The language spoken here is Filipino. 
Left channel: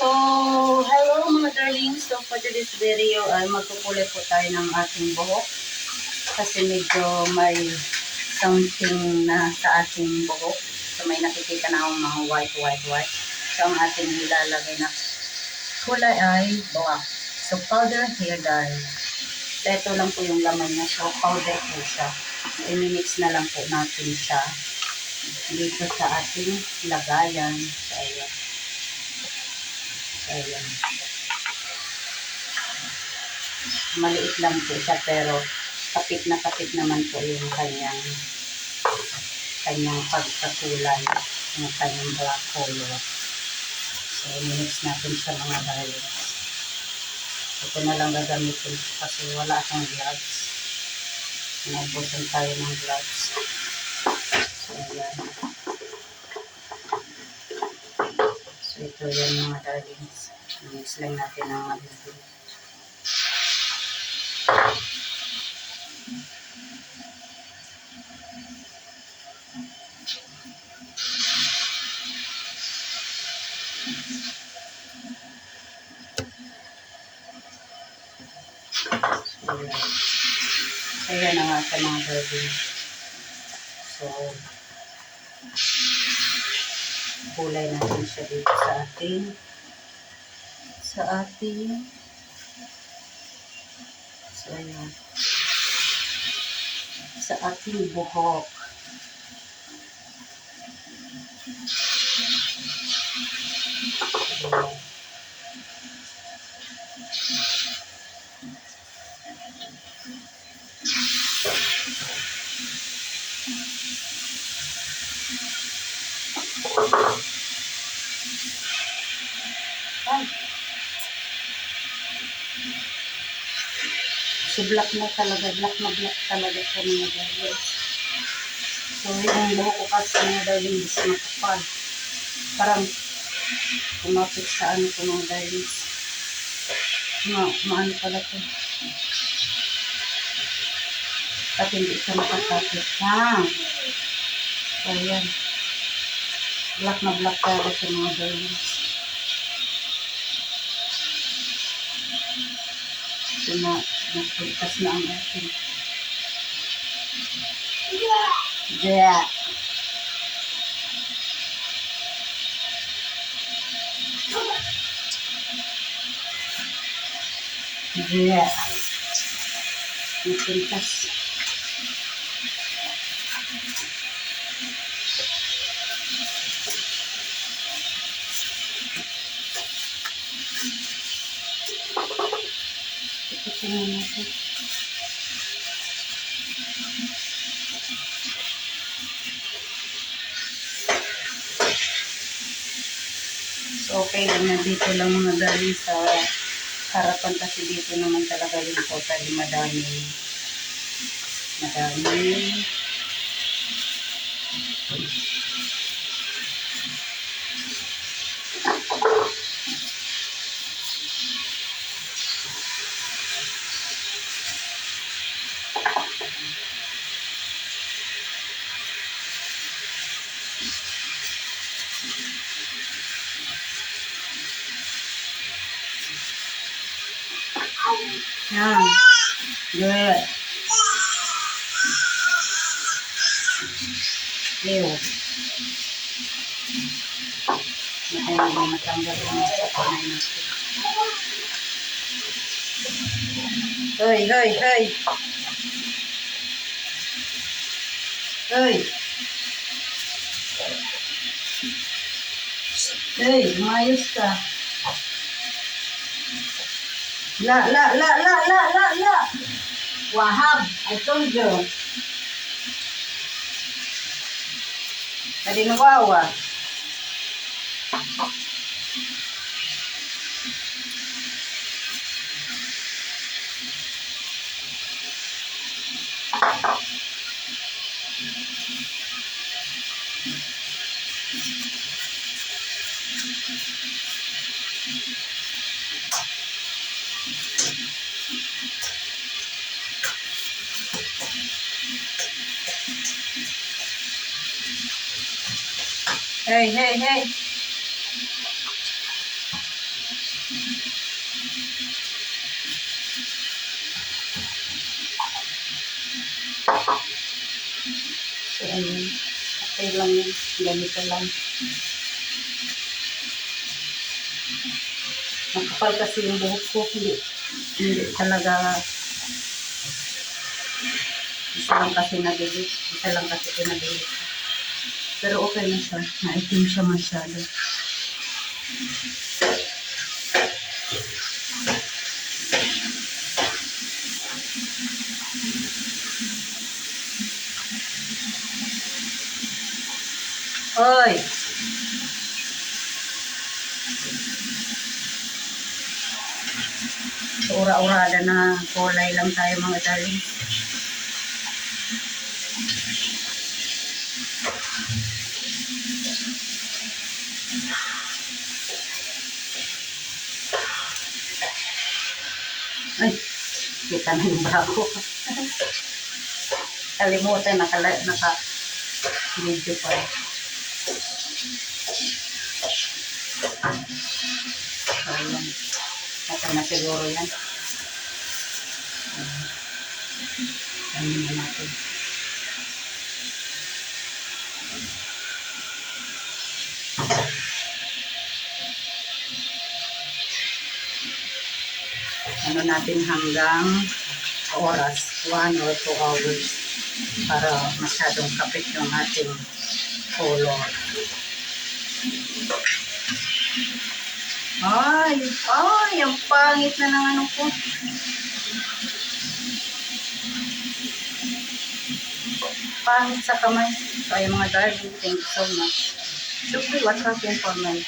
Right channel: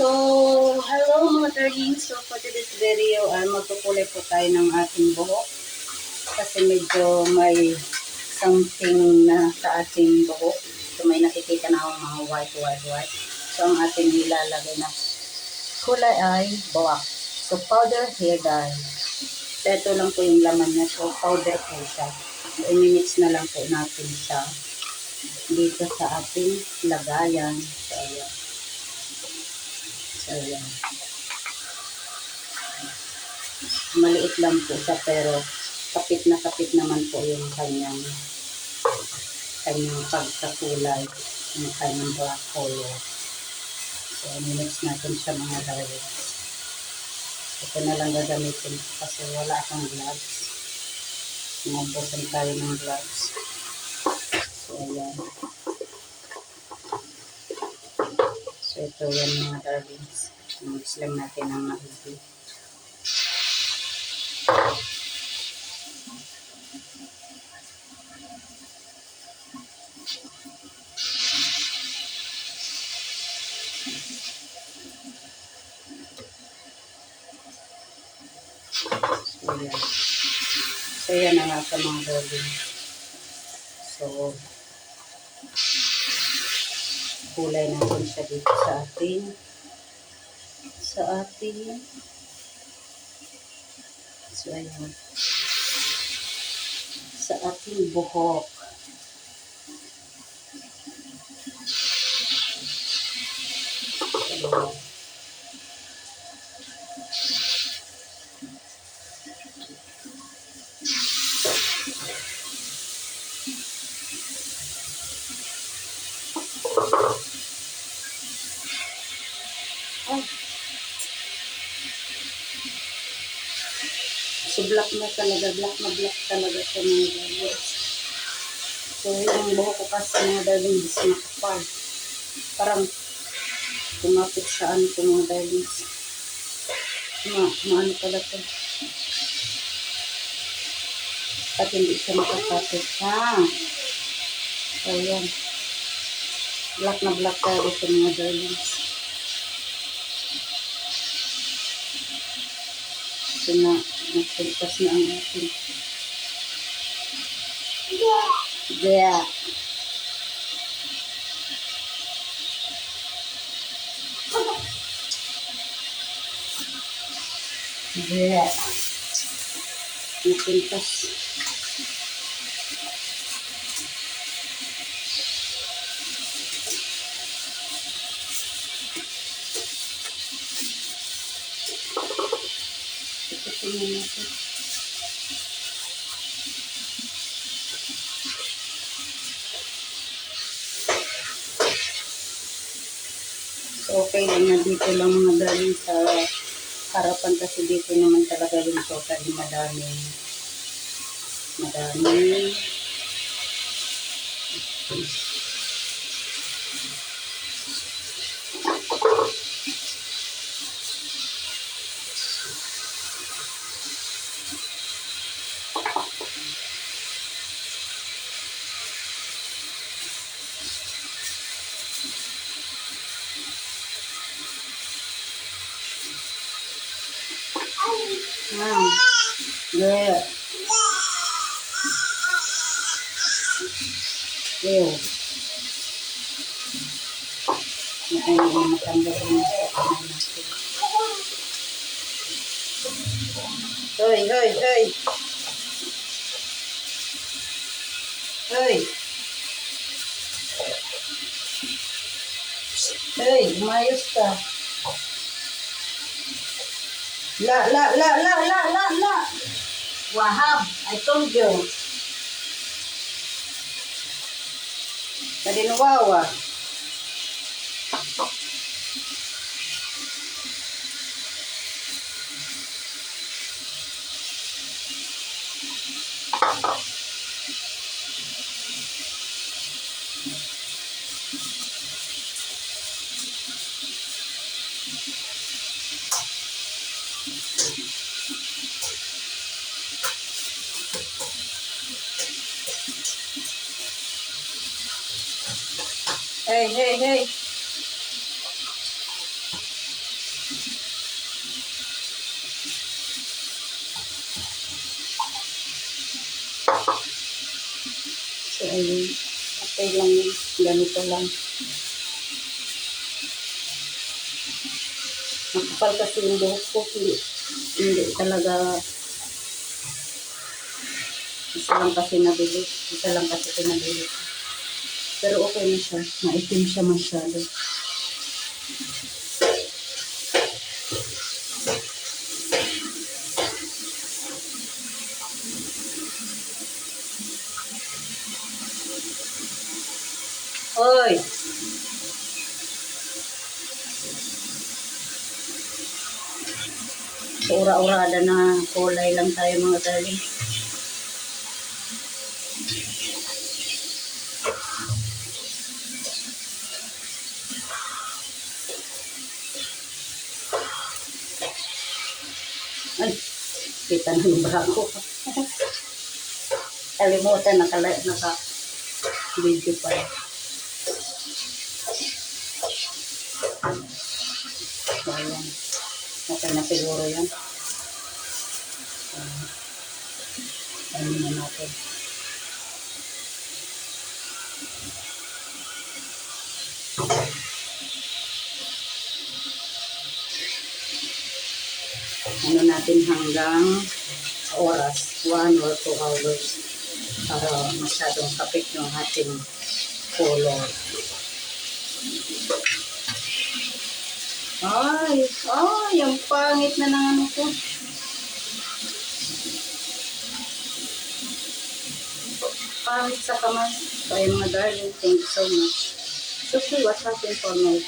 So, hello mga darlings. So, for today's video, ay magkukulay po tayo ng ating buhok. Kasi medyo may something na sa ating buhok. So, may nakikita na akong mga white, white, white. So, ang ating nilalagay na kulay ay black. So, powder hair dye. So, ito lang po yung laman niya. So, powder po siya. So, imimix na lang po natin siya dito sa ating lagayan. So, ayan. Ayan. Maliit lang po siya pero kapit na kapit naman po yung kanyang kanyang pagkakulay yung kanyang black color. So, mix natin siya mga darlings. Ito na lang gagamitin kasi wala akong gloves. Nabusan tayo ng gloves. So, ayan. So, ito yan mga darlings. Mix lang natin ng maigi. So, yan. So, yan nga sa mga darlings. So, kulay natin siya dito sa ating sa ating so ayan sa ating buhok Ayan. Ay. So, black na talaga. Black na black talaga siya mga darlings. So, yung buhok ko kasi mga darlings makapal. Parang kumapit sa ano ko mga darlings. Ma, maano pala to. At hindi siya makakapit. Ha? So, ayan. Black na black talaga siya mga darlings. Ito na, nagpagtas na ang ating. Yeah. Yeah. Nagpagtas. Ito tingnan natin. So, okay lang na dito lang mga darling sa harapan kasi dito naman talaga rin totally madami. Madami. Yan. Good. Ew. Naku, hindi matanggal sa kamay natin. Hoy, hoy, hoy. Hoy. Hoy, umayos ka. La, la, la, la, la, la, la. Wahab, I told you. Tadi nawawa. Hey, hey, hey. So, ayun. Okay lang yun. Ganito lang. Makapal kasi yung buhok ko. Hindi, hindi talaga isa lang kasi nabilis. Isa lang kasi pinabilis. Pero okay na siya. Naitim siya masyado. Hoy! Ura-urada na kulay lang tayo mga darling. Ay, kita na yung bako. Kalimutan, naka, naka video pa. So, ayan. Okay na siguro yan. Ano na natin. Ano natin hanggang oras, 1 or 2 hours para masyadong kapit yung ating color. Ay, ay, ang pangit na ng ano ko. Pangit sa kamay. Ay mga darling, thank you so much. Shukri, what happened for my